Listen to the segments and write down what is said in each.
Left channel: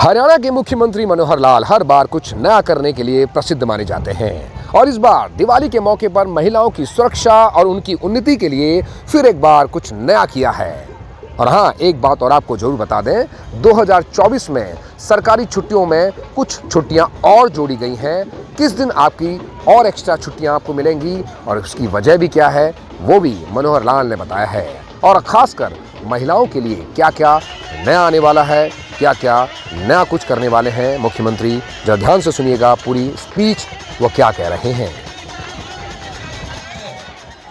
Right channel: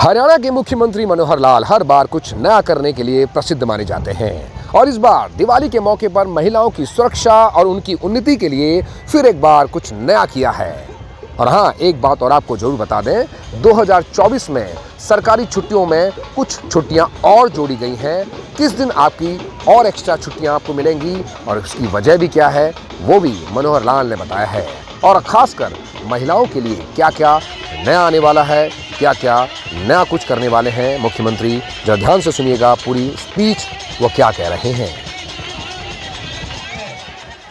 हरियाणा के मुख्यमंत्री मनोहर लाल हर बार कुछ नया करने के लिए प्रसिद्ध माने जाते हैं और इस बार दिवाली के मौके पर महिलाओं की सुरक्षा और उनकी उन्नति के लिए फिर एक बार कुछ नया किया है। और हाँ, एक बात और आपको जरूर बता दें, 2024 में सरकारी छुट्टियों में कुछ छुट्टियां और जोड़ी गई हैं। किस दिन आपकी और एक्स्ट्रा छुट्टियां आपको मिलेंगी और उसकी वजह भी क्या है, वो भी मनोहर लाल ने बताया है। और खासकर महिलाओं के लिए क्या क्या नया आने वाला है, क्या क्या नया कुछ करने वाले हैं मुख्यमंत्री, जरा ध्यान से सुनिएगा पूरी स्पीच वो क्या कह रहे हैं।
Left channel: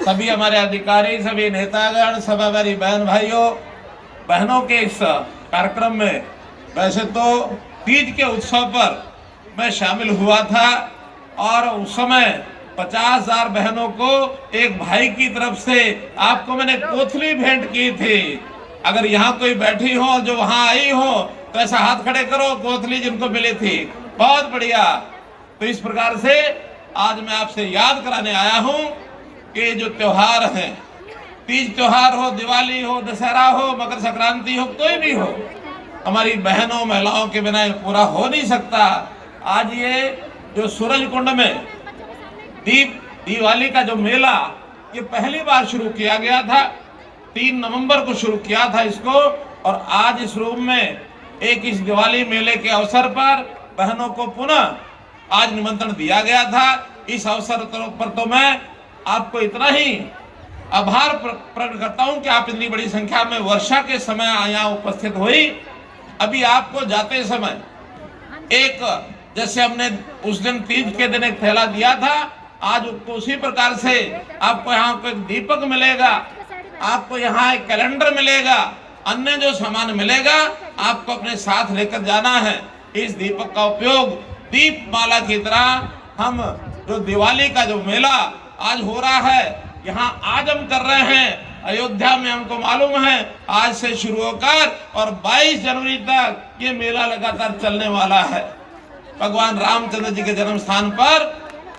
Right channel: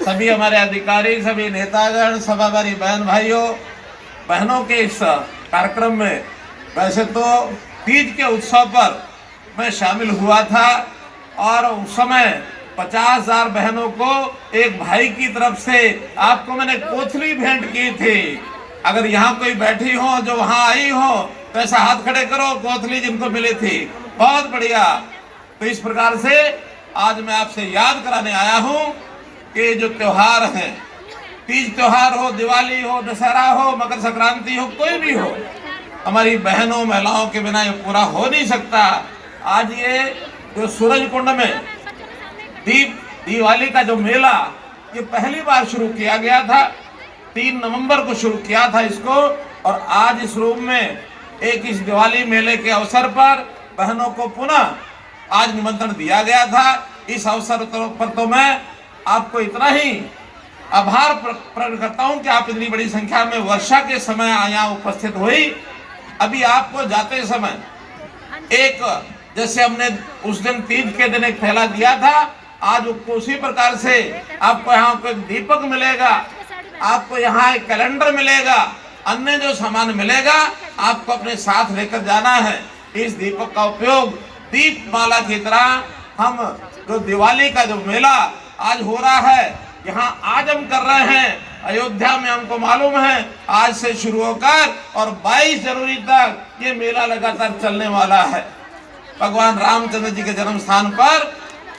सभी हमारे अधिकारी, सभी नेतागण, सभागारी बहन भाइयों बहनों के इस कार्यक्रम में वैसे तो तीज के उत्सव पर मैं शामिल हुआ था और उस समय 50,000 बहनों को एक भाई की तरफ से आपको मैंने कोथली भेंट की थी। अगर यहाँ कोई बैठी हो जो वहाँ आई हो तो ऐसा हाथ खड़े करो, कोथली जिनको मिली थी। बहुत बढ़िया। तो इस प्रकार से आज मैं आपसे याद कराने आया हूँ कि जो त्योहार हैं, तीज त्योहार हो, दिवाली हो, दशहरा हो, मकर संक्रांति हो, कोई भी हो, हमारी बहनों महिलाओं के बिना ये पूरा हो नहीं सकता। आज ये जो सूरज कुंड में दिवाली का जो मेला, ये पहली बार शुरू किया गया था। 3 नवंबर को शुरू किया था इसको, और आज इस रूम में इस दिवाली मेले के अवसर पर बहनों को पुनः आज निमंत्रण दिया गया था। इस अवसर पर तो मैं आपको इतना ही आभार प्रकट करता हूं कि आप इतनी बड़ी संख्या में वर्षा के समय यहाँ उपस्थित हुई। अभी आपको जाते समय जैसे हमने उस दिन तीज के दिन एक थैला दिया था, आज उसी प्रकार से आपको यहाँ को एक दीपक मिलेगा, आपको यहाँ एक कैलेंडर मिलेगा, अन्य जो सामान मिलेगा आपको अपने साथ लेकर जाना है। इस दीपक का उपयोग दीपमाला की तरह हम जो दिवाली का जो मेला आज हो रहा है, यहाँ आज हम कर रहे हैं अयोध्या में, हमको मालूम है आज से शुरू होकर और 22 जनवरी तक ये मेला लगातार चलने वाला है भगवान रामचंद्र जी के जन्म स्थान पर।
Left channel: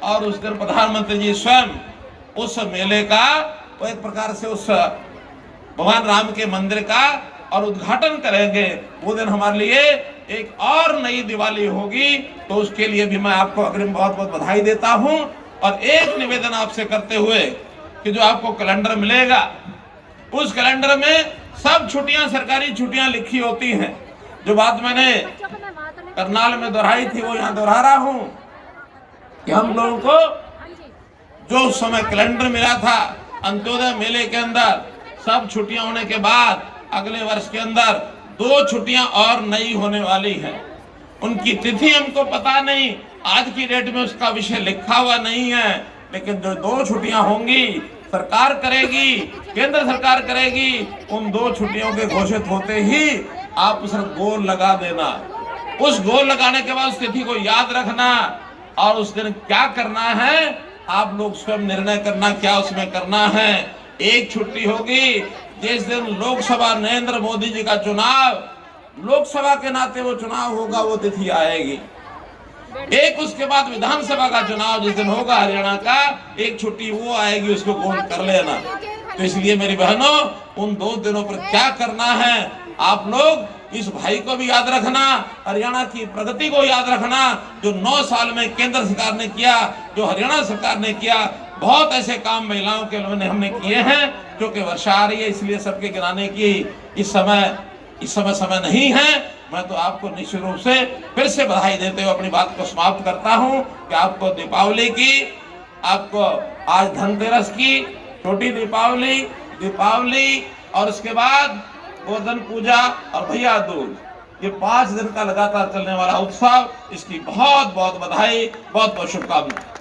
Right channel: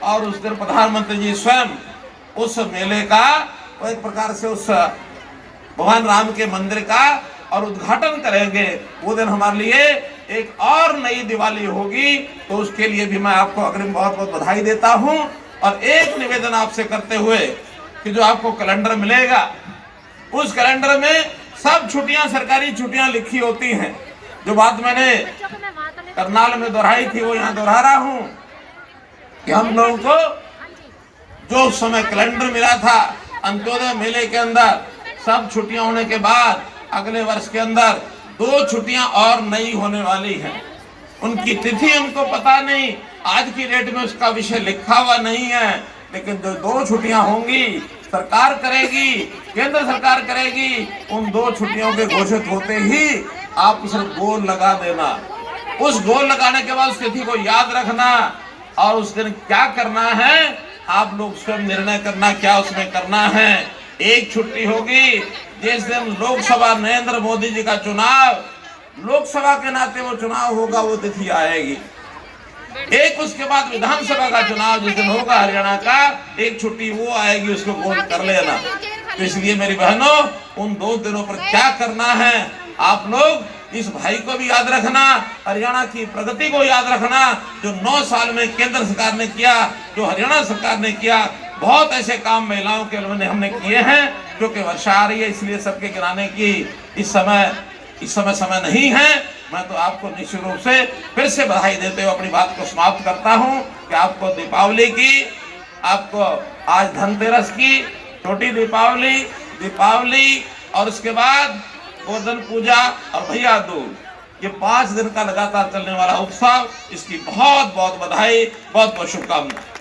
और उस दिन प्रधानमंत्री जी स्वयं उस मेले का एक प्रकार से उस भगवान राम के मंदिर का और उद्घाटन करेंगे। वो दिन हमारे लिए एक और नई दिवाली होगी, तो उसके लिए भी मैं आपको अग्रिम बहुत बहुत बधाई देता हूं। और एक निवेदन आपसे करते हुए कि जो आपको कैलेंडर मिलेगा, उस कैलेंडर में सब छुट्टियां, सरकारी छुट्टियां लिखी होती हैं। जो बात मैंने करनाल में दोहराई थी वो यहाँ दोहरा रहा हूं कि हम लोगों को जो उस समय कैलेंडर मिला था, अंत्योदय मेले के अंदर सब छुट्टियां होने के बाद अगले वर्ष के अंदर 2 छुट्टियां और नई होने वाली हैं। उनकी तिथि हमको पता नहीं, आज की डेट में उसका विषय लिखा हुआ नहीं है, लेकिन जो 2 छुट्टियां होंगी सरकार करेगी, केंद्र सरकार करेगी। उन 2 छुट्टियों के घोषित होते ही आप उस गोल लगा देना। उस गोल लगाने के बाद उस तिथि को याद रखना और उस दिन क्या करना है आप लोग स्वयं निर्णय करना, क्या उसमें करना है। एक छुट्टी होगी जिस दिन लोकसभा नरेंद्र मोदी जी का चुनाव, लोकसभा के नाते वो चुनाव होगा, वो तिथि आएगी। एक उसके बाद विधानसभा का चुनाव जिस दिन होगा हरियाणा का, एक छुट्टी वो आएगी, उसको गोल कर लेना। तो इसलिए मेरी बहनों, उन 2 दिनों पर क्या करना है आप लोग इस भाई को भी याद रखना, हरियाणा की प्रगति को याद रखना। जो 9 साल में केंद्र सरकार ने किया, जो हरियाणा सरकार ने किया, बहुत ऐसे काम महिलाओं के हमने किए हैं। क्योंकि वर्षा आ रही है इसलिए सबके गिराने की इस समय नहीं है। मैं तो आपको निश्चित रूप से फिर से बधाई देते हुए अपनी बात को समाप्त करता हूं कि आपको दीपावली की, आपको आज धनतेरस की, छोटी दीपावली और उसके बाद गोधन पूजा और भैया दूज, ये 5 दिन का लगातार चलने वाला उत्सव, इसकी बहुत बहुत बधाई, बहुत बहुत शुभकामनाएं।